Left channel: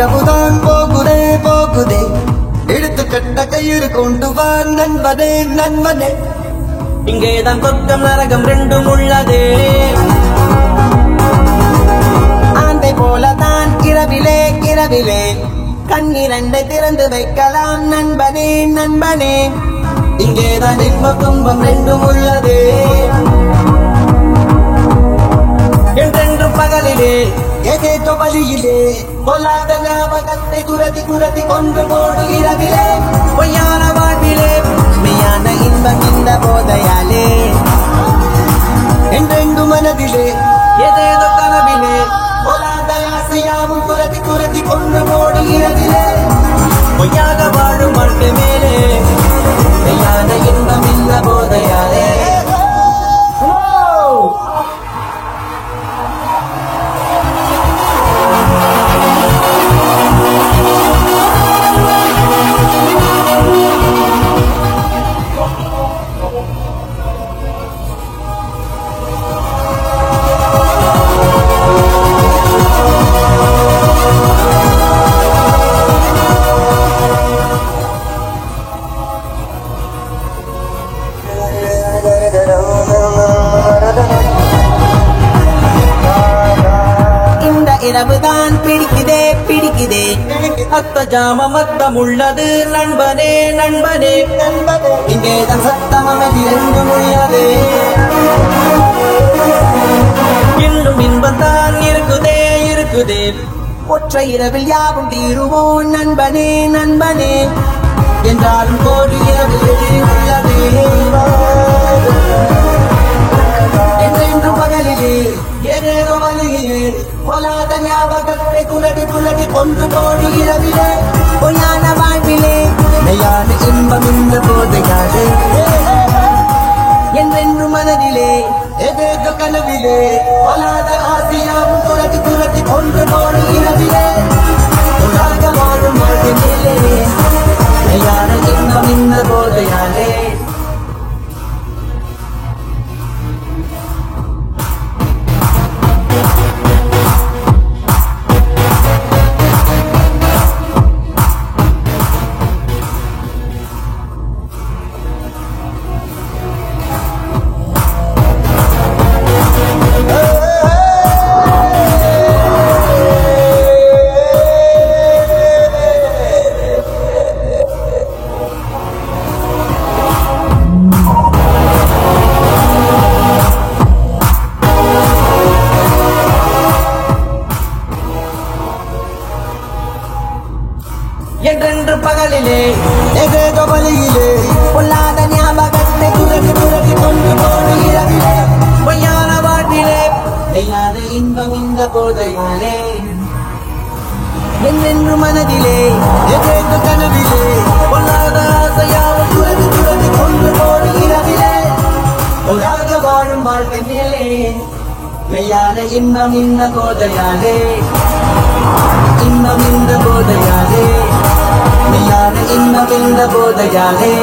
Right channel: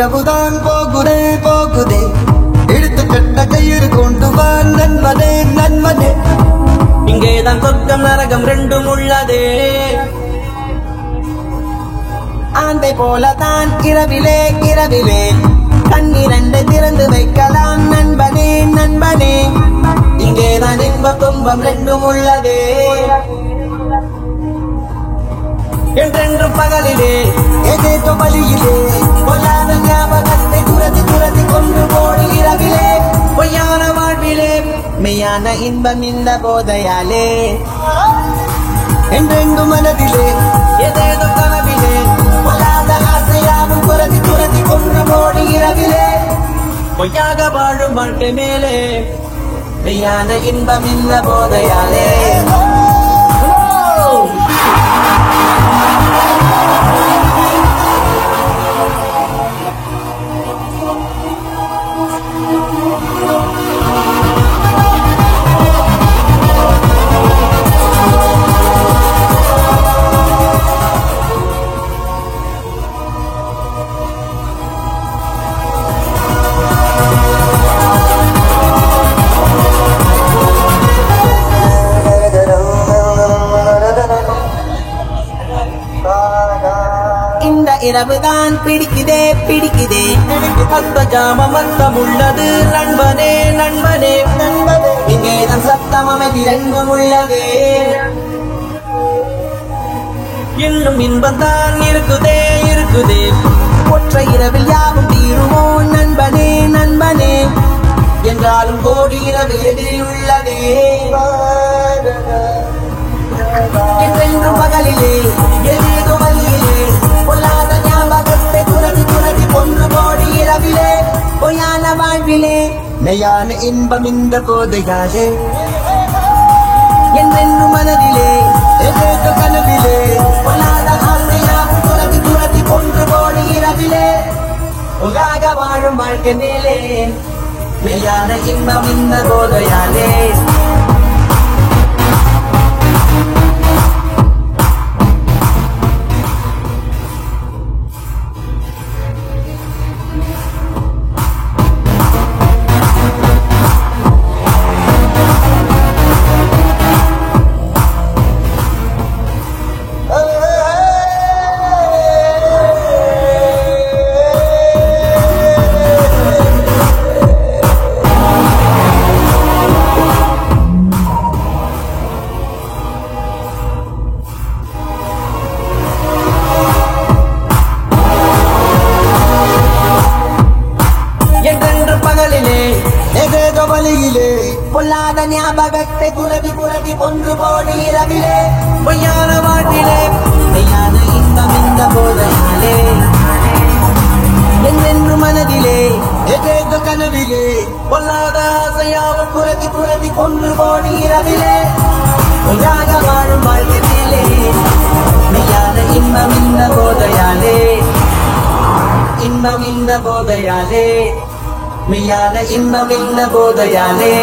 இரவுதான் போகுதே போகுதே எடுத்து கட்ட கயிறு கொண்டு வா நண்பனே நண்பனே இங்கேதான் சொர்க்கம் நரகம் ரெண்டும் உள்ளதே ஆந்தை போலதான் இரவிலே இரவிலே கண்ணிரண்டை திறந்து வைக்கலாம் நண்பனே நண்பனே இங்கேதான் இன்ப துன்பம் ரெண்டும் உள்ளதே என்றென்று பகலிலே ஏதேதோ வழியிலே பொல்லாத ஞாபகத்தை துரதி துரதி கொண்டு போடு இரவிலே பொய்யான வாழ்விலே மெய்யான இன்பம் இந்த போதையாலே என்றென்று மனதிலே ஏதேதோ கனவிலே பொல்லாத ஆசையாவும் துரதி துரதி கொண்டு போடு இரவிலே பொய்யாக வாழும் வாழ்க்கை மேலே மெய்யான இன்பம் இந்த போதையாலே இந்த இரவுதான் பிடிக்குதே பிடிக்குதே அத்த ஜாம மத்தம் உள்ளது நண்பனே நண்பனே நண்பனே இங்கேதான் சத்தம் அமைதி ரெண்டும் உள்ளதே இன்னும் இன்பம் தான் இருக்குதே இருக்குதே ஒற்றை இரவில் யாவும் தீருவோம் நண்பனே நண்பனே என்றாலும் கோடி இரவில் எதிரி உள்ளதே என்றென்று பகலிலே ஏதேதோ வழியிலே பொல்லாத ஞாபகத்தை துரதி துரதி கொன்று போடி இரவிலே பொய்யான வாழ்விலே மெய்யான இன்பம் இந்த போதையாலே என்றென்று மனதிலே ஏதேதோ கனவிலே பொல்லாத ஆசையாவும் துரதி துரதி கொன்று போடி இரவிலே உலக வாழும் வாழ்க்கை மேலே மெய்யான இன்பம் இந்த போதையாலே என்றென்று பகலிலே ஏதேதோ வழியிலே பொல்லாத ஞாபகத்தை துரதி துரதி கொண்டு போடு இரவிலே பொய்யான வாழ்விலே மெய்யான இன்பம் இந்த போதையாலே என்றென்று மனதிலே ஏதேதோ கனவிலே பொல்லாத ஆசையாவும் துரதி துரதி கொண்டு போடு இரவிலே உலக வாழும் வாழ்க்கை மேலே மெய்யான இன்பம் இந்த போதையாலே இன்பம் இந்த போதையாலே மெய்யான இன்பம் இந்த போதையாலே